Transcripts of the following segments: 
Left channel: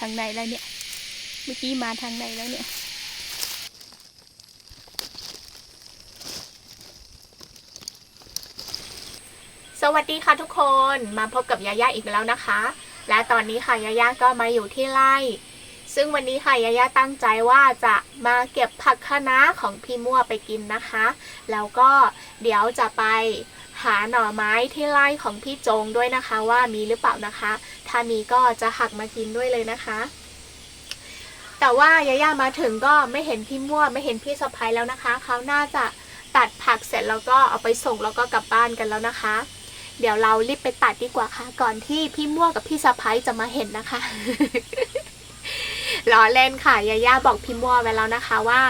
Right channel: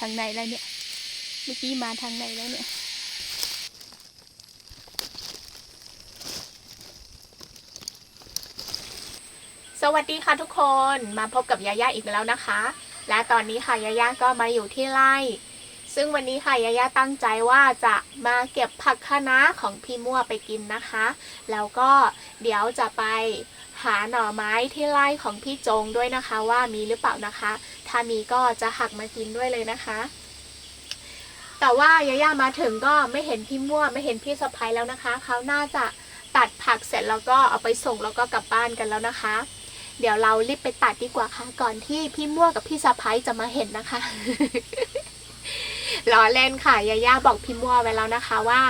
ทางไหนแล้วเนี่ย เมื่อกี้มาทางไหนแล้วเนี่ย สวัสดีค่ะทุกคน มาพบกับยาย่าอีกแล้วนะคะ และตอนนี้ค่ะยาย่าก็มาอยู่ที่ไร่ ซึ่งวันนี้ค่ะยายาตั้งใจว่าจะมาเก็บผักคะน้าของพี่มั่วไปกินนะคะ แล้วก็เดี๋ยวจะไปหาหน่อไม้ที่ไร่ของพี่จงด้วยนะคะ ว่ามีหรือเปล่านะคะ ถ้ามีก็จะหักมากินด้วยเลยนะคะ แต่ว่ายาย่ามาถึงก็ไม่เห็นพี่มั่วไม่เห็นพี่สะพ้ายแล้วนะคะเขาน่าจะตัดผักเสร็จแล้วก็เอาไปส่งแล้วก็กลับบ้านกันแล้วนะคะ เดี๋ยวเรารีบไปตัดดีกว่าค่ะ ก่อนที่พี่มั่วกับพี่สะพ้ายจะมาเห็นนะคะ ล้อเล่นค่ะยาย่าบอกพี่มั่วไว้แล้วนะคะว่า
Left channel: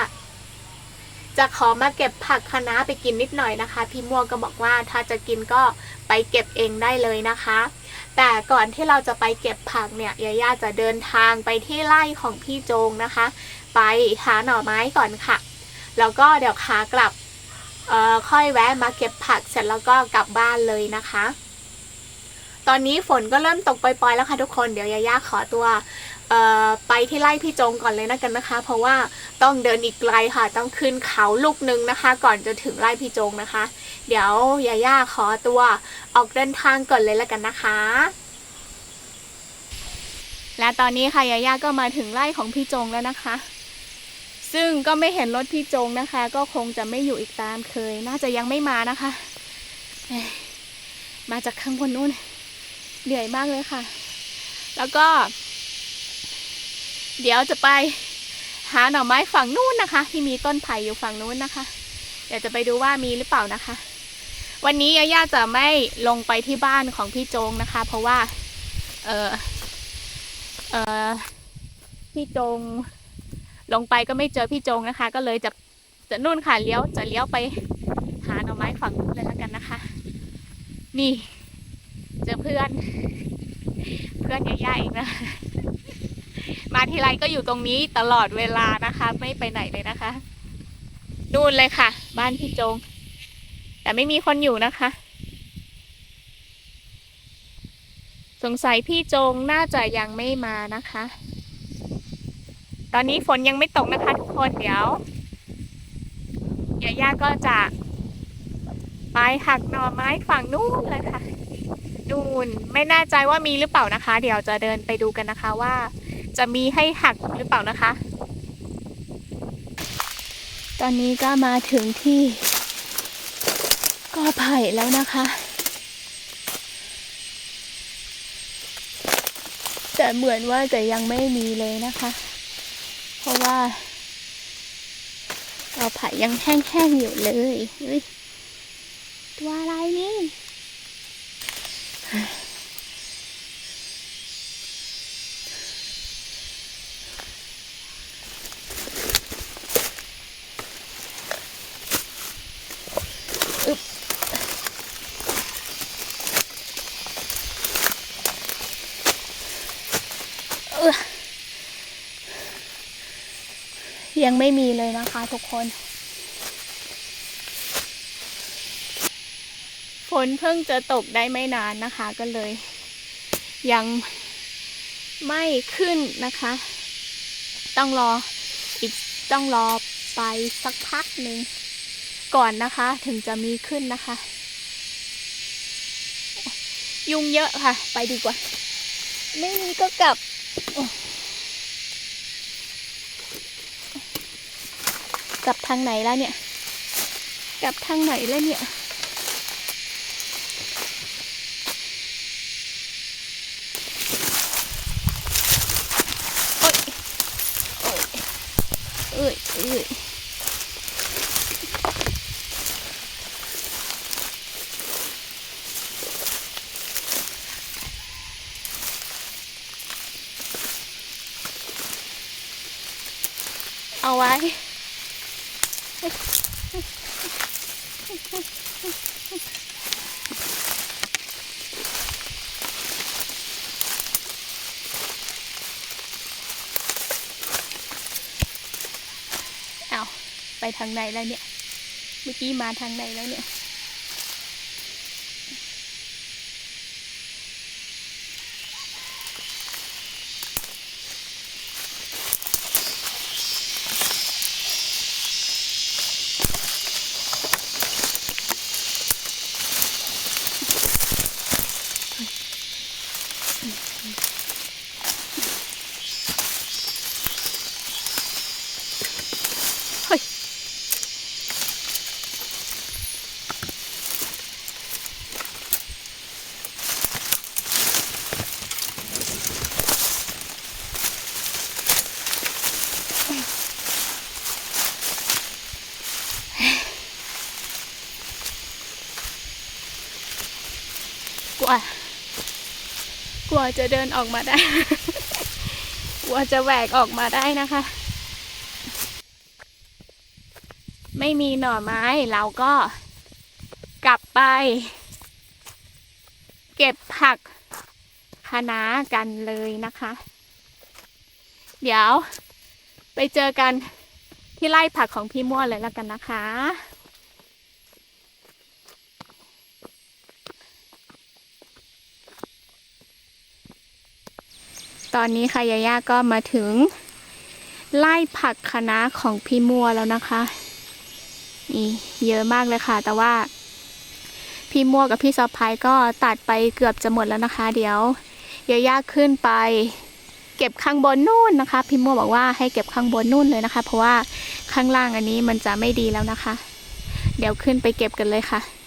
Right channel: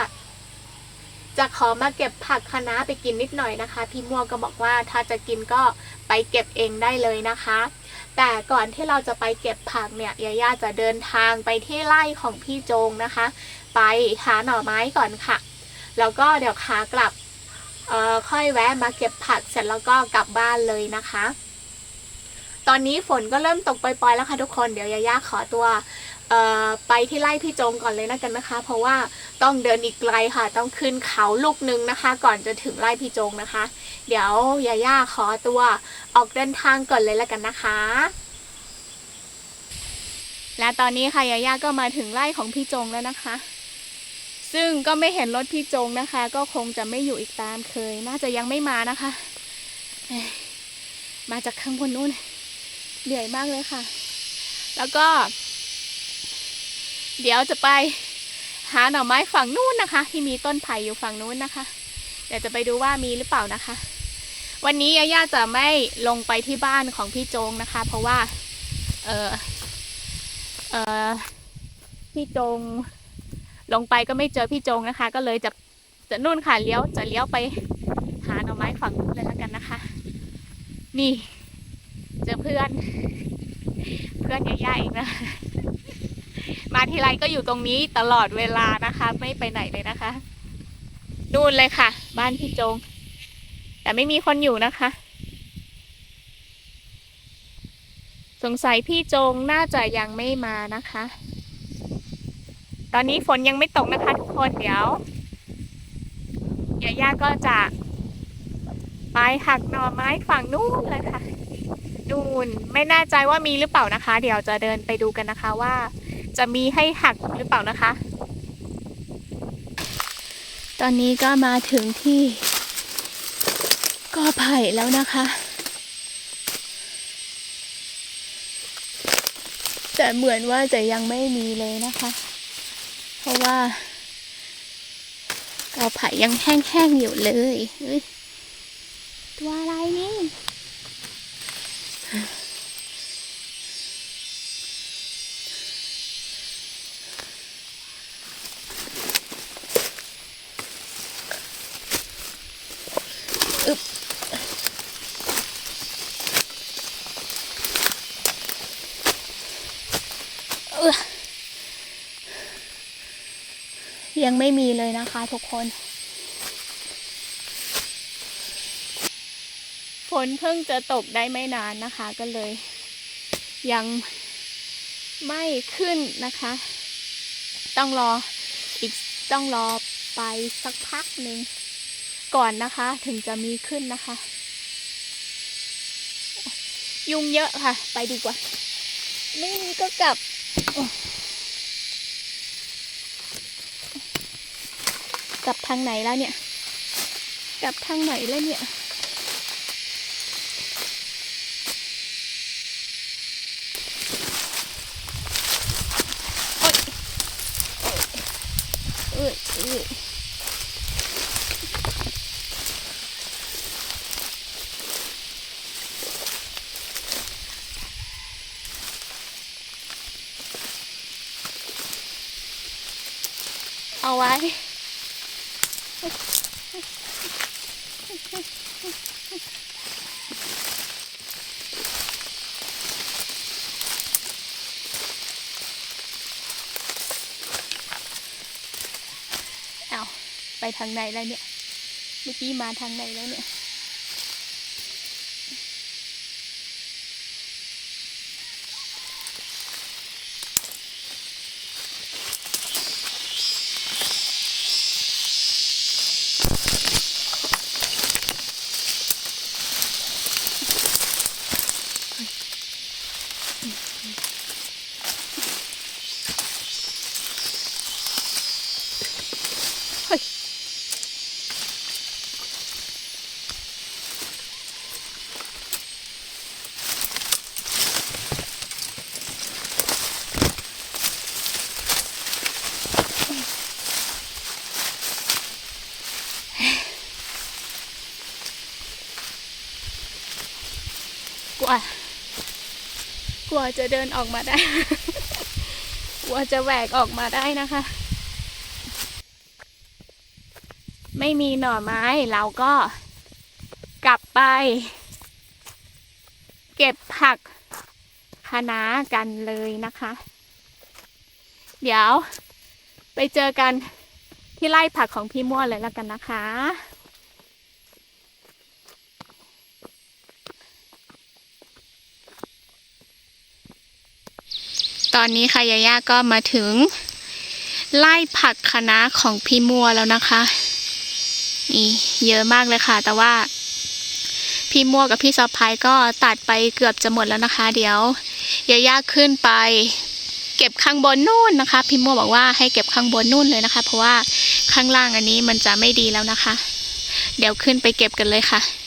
จะขอมาเก็บผักคะน้าไปกินนิดหน่อยนะคะ พี่มั่วก็บอกว่าถ้าจะกินก็ไปเก็บเองได้เลยนะคะ แต่ก่อนที่เราจะไปเก็บผักเนี่ยยาย่าจะเดินทางไปที่ไร่ของพี่โจงนะคะ ไปหาหน่อไม้ก่อนค่ะ แล้วก็เดี๋ยวขากลับเอ่อค่อยแวะมาเก็บผักเสร็จแล้วก็กลับบ้านเลยนะคะ ตอนนี้ฝนก็เริ่มตกปล่อยๆแล้วค่ะทุกคน เดี๋ยวยาย่าขอตัว ไปที่ไร่พี่จงก่อนเลยนะกันนะคะ เพราะว่าต้องเดินอีกไกลค่ะ ต้องขึ้นเขาลูกนึงนะคะ ก่อนจะถึงไร่พี่จงนะคะ เดี๋ยวยาย่าขอตัวออกเดินทางก่อนเลยแล้วกันนะคะ และตอนนี้ค่ะยาย่าก็มาถึงไร่ของพี่จงแล้วนะคะ ซึ่งก็ไม่เห็นรถพี่จงนะคะ ก็คงจะไม่อยู่อีกตามเคย น่าจะยังไม่มานะคะ มาจากข้างบนนู้นเหนื่อยมากเลยค่ะ แล้วก็ เดี๋ยวจะไปหาหน่อไม้ฝั่งนู้นนะคะ ที่มีต้นไผ่อยู่ฝั่งนู้นนะคะ เดี๋ยวจะไปดูว่ามีหรือเปล่านะคะ วันนี้ยาย่าจะไม่ลงไปที่บ้านของพี่โจงนะคะ เพราะว่า เออเออพี่โจงลงไปก็ไม่เจอพี่โจงนะคะ ก็เลยจะจะนู่นค่ะเลี้ยวจะเลี้ยวไปหาหน่อไม้ฝั่งนู้นเลยแล้วกันนะคะ นี่ เจอเพื่อน เพื่อนยาย่าเองนะ มาทีไรก็อยู่ตรงนี้ตลอดเวลานะคะ ไม่ไปไหนเลยนะคะ นู่นเลยค่ะ บ้านพี่จง แต่ไม่มีคนอยู่นะคะ สงสัยพี่จงน่าจะยังไม่มานะคะ ตอนนี้ฝนยังไม่ตกนะคะทุกคนเดี๋ยวยาย่าก็จะไปหักหน่อไม้ฝั่งนู้นเลยค่ะ นู่นไม่แน่ใจว่ามีหรือเปล่านะคะ เดี๋ยวจะเดินไปดูกันนะคะว่า จะมีให้หักหรือเปล่านะคะ ตอนนี้ก็มาถึงที่ก็ไผ่แล้วนะคะ แต่เหมือนว่าจะยังไม่มีเลยนะคะ เพราะว่าก็ไผ่ยังแห้งๆอยู่เลยเฮ้ยตัวอะไรนี่ ยังไม่มีเลยนะคะทุกคน ฝนเพิ่งจะตกได้ไม่นานนะคะก็เลย ยังไม่ขึ้นนะคะ ต้องรออีกต้องรอไปสักพักหนึ่งก่อนนะคะถึงจะมีขึ้นนะคะ ยุงเยอะค่ะ ไปดีกว่าไม่มีก็กลับ ลับทางไหนแล้วเนี่ย กลับทางไหนแล้วเนี่ย โอ๊ยเอ้ยเอ้ยเอาไว้ เอาไปทางไหนแล้วเนี่ย เมื่อกี้มาทางไหนแล้วเนี่ย ลัว กลัวจะเดินออกมาได้ กลัวจะแหวกออกมาได้นะคะ ไม่มีหน่อไม้เราก็กลับไป เก็บผักคะน้ากันเลยนะคะ เดี๋ยวไปเจอกันที่ไร่ผักของพี่ม่วเลยแล้วกันนะคะ ตอนนี้ค่ะยาย่าก็มาถึงไล่ผักคะน้าของพี่มัวแล้วนะคะนี่เยอะมากเลยค่ะ แต่ว่า พี่มัวกับพี่ซอพายก็ตัดไปเกือบจะหมดแล้วนะคะ เดี๋ยวยาย่าขึ้นไปเก็บข้างบนนู่นนะคะ พี่มัวบอกว่าให้เก็บข้างบนนู่นเลยนะคะ เพราะว่าข้างล่างอันนี้มันจะไม่ดีแล้วนะคะ เดี๋ยวขึ้นไปเก็บกันเลยค่ะ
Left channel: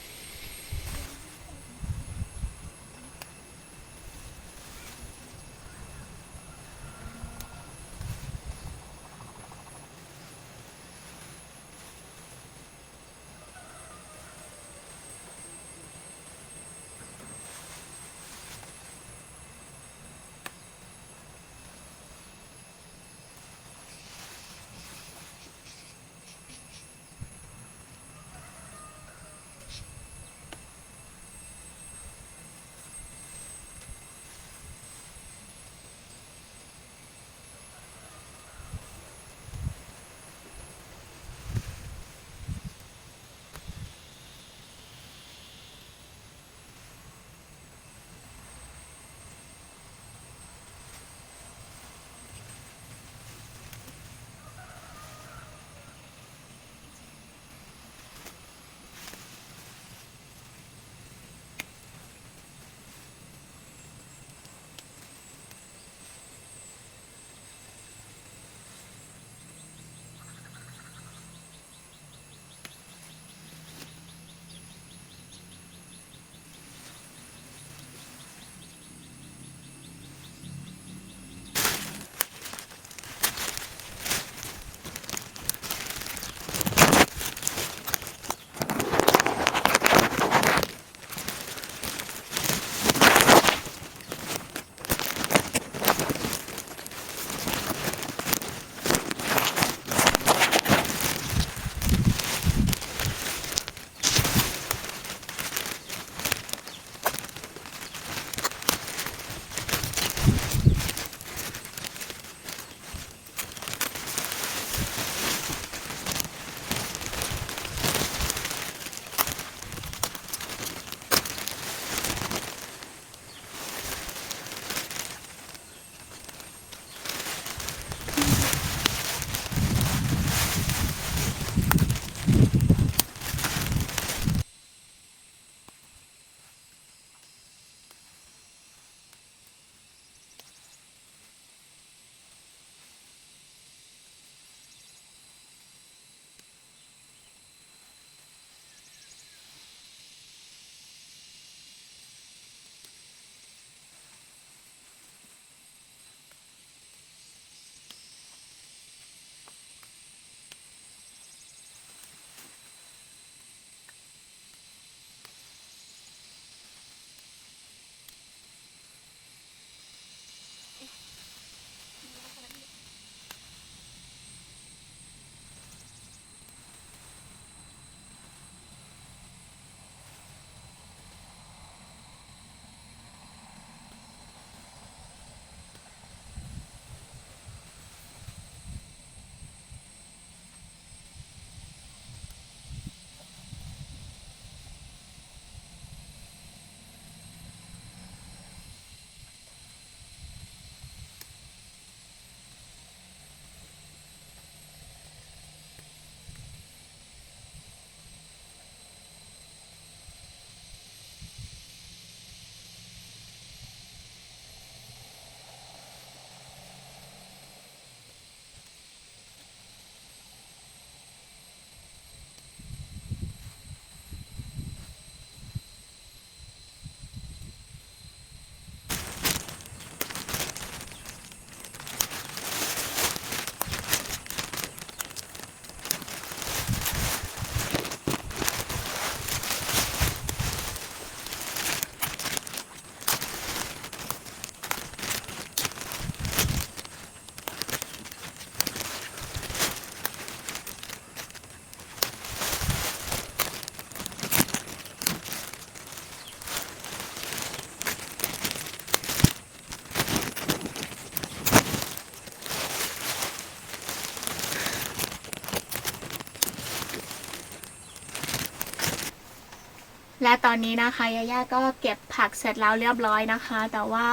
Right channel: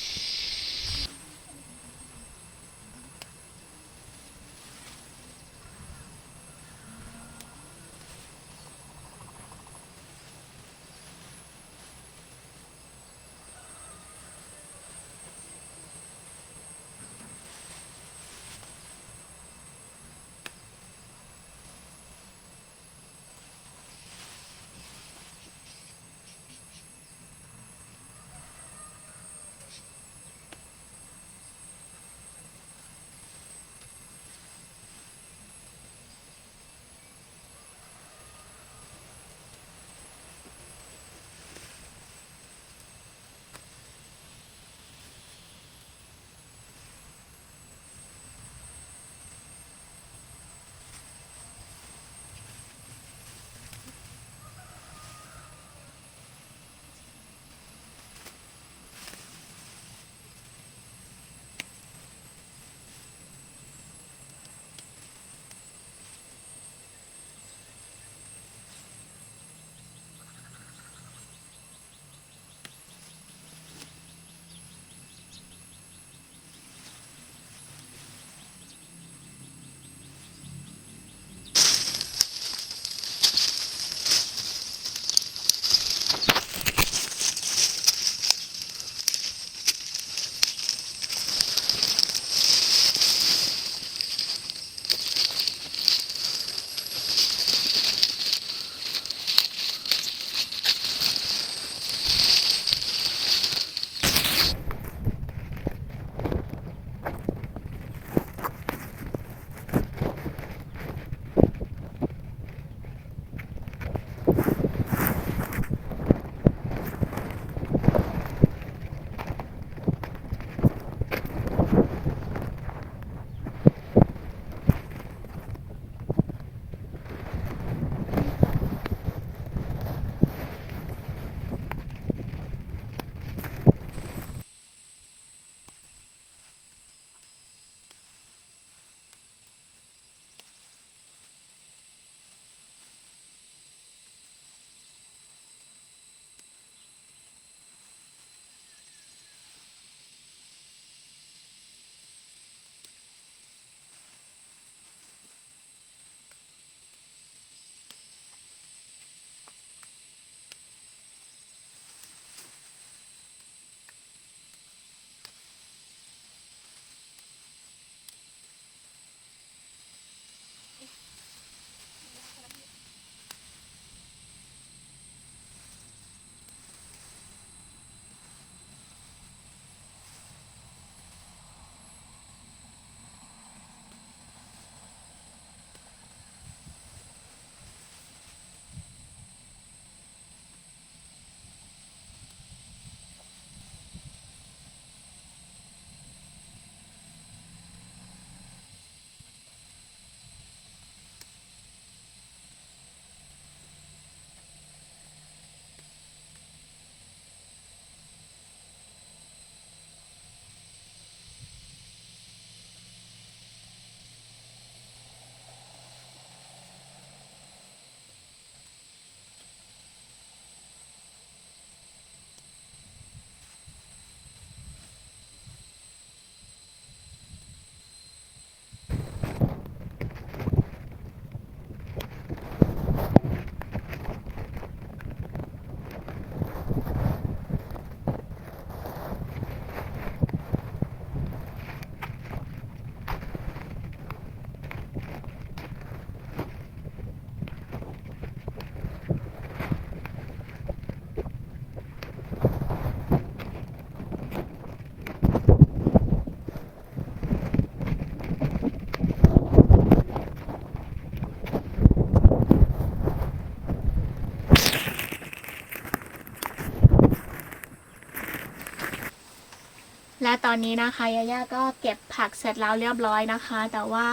และตอนนี้นะคะยาย่าก็เก็บผักเสร็จแล้วเรียบร้อยนะคะ แต่ว่า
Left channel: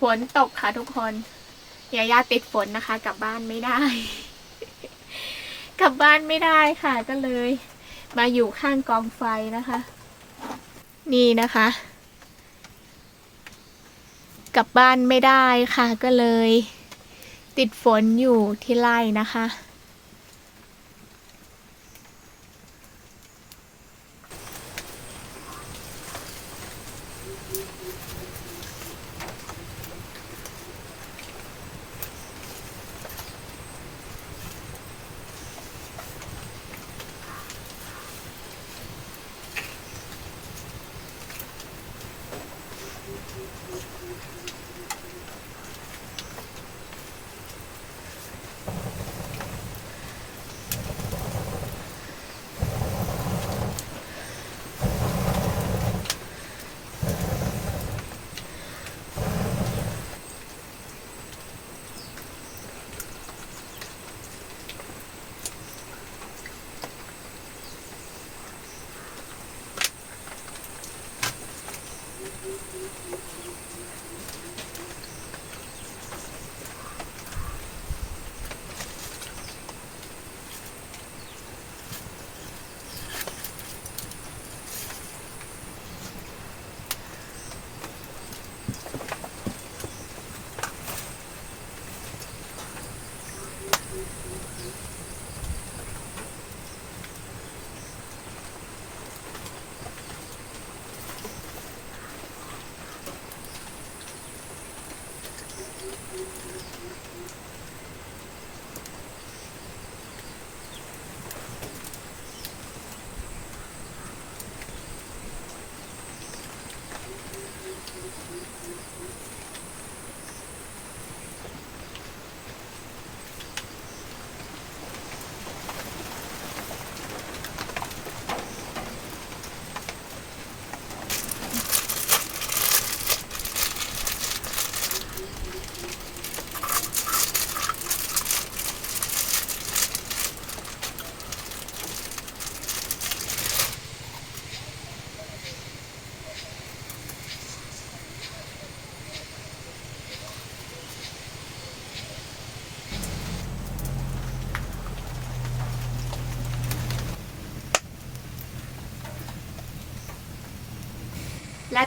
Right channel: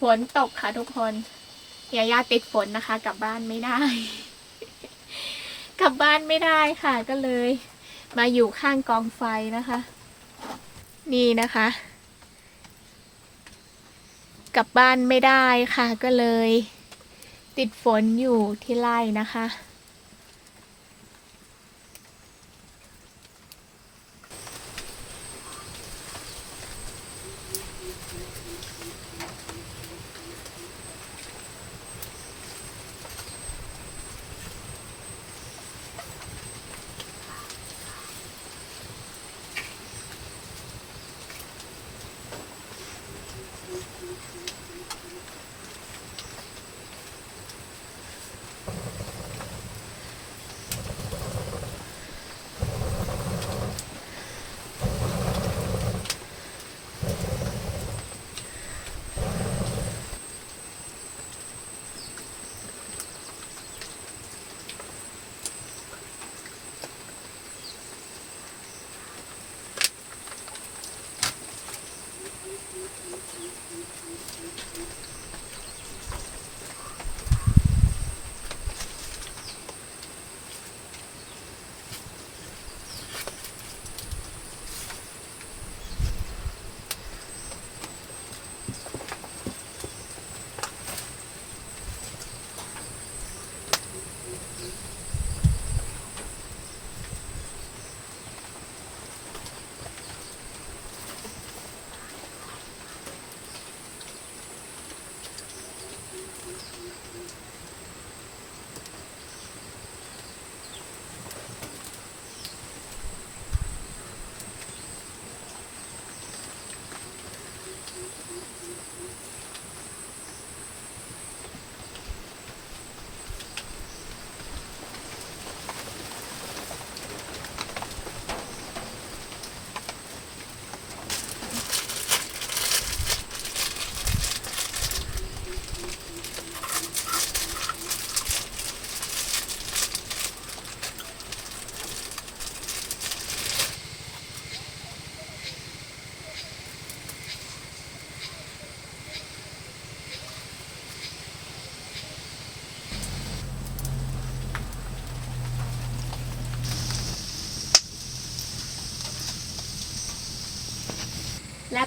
ฝนตกค่ะทุกคนยาย่าติดฝนนะคะ กลับบ้านไม่ได้ กลับบ้านไม่ได้ค่ะก็เลย มาอยู่ข้างกองไฟนะคะ นี่นะคะ กลับบ้านไม่ได้ค่ะ ก็เลย ติดฝนอยู่ที่ไร่นะคะและ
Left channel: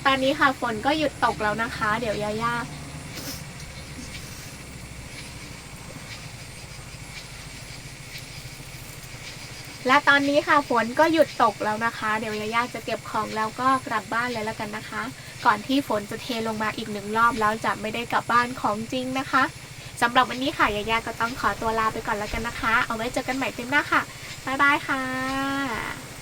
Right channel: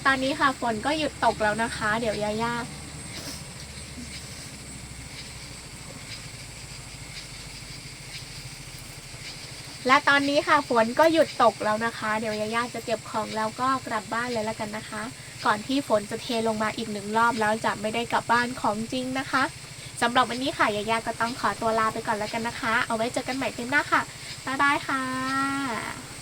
ตอนนี้ค่ะฝนก็หยุดตกแล้วนะคะ เดี๋ยวยาย่าและตอนนี้ค่ะฝนก็หยุดตกแล้วนะคะ เดี๋ยวยาย่าจะเก็บของแล้วก็กลับบ้านเลยแล้วกันนะคะ ก่อนที่ฝนจะเทลงมาอีกหนึ่งรอบแล้วจะไม่ได้กลับบ้านของจริงนะคะสำหรับวันนี้ค่ะยายาก็ต้องขอตัวลาไปก่อนแล้วกันนะคะ เอาไว้เจอกันใหม่คลิปหน้าค่ะ บ๊ายบายค่ะ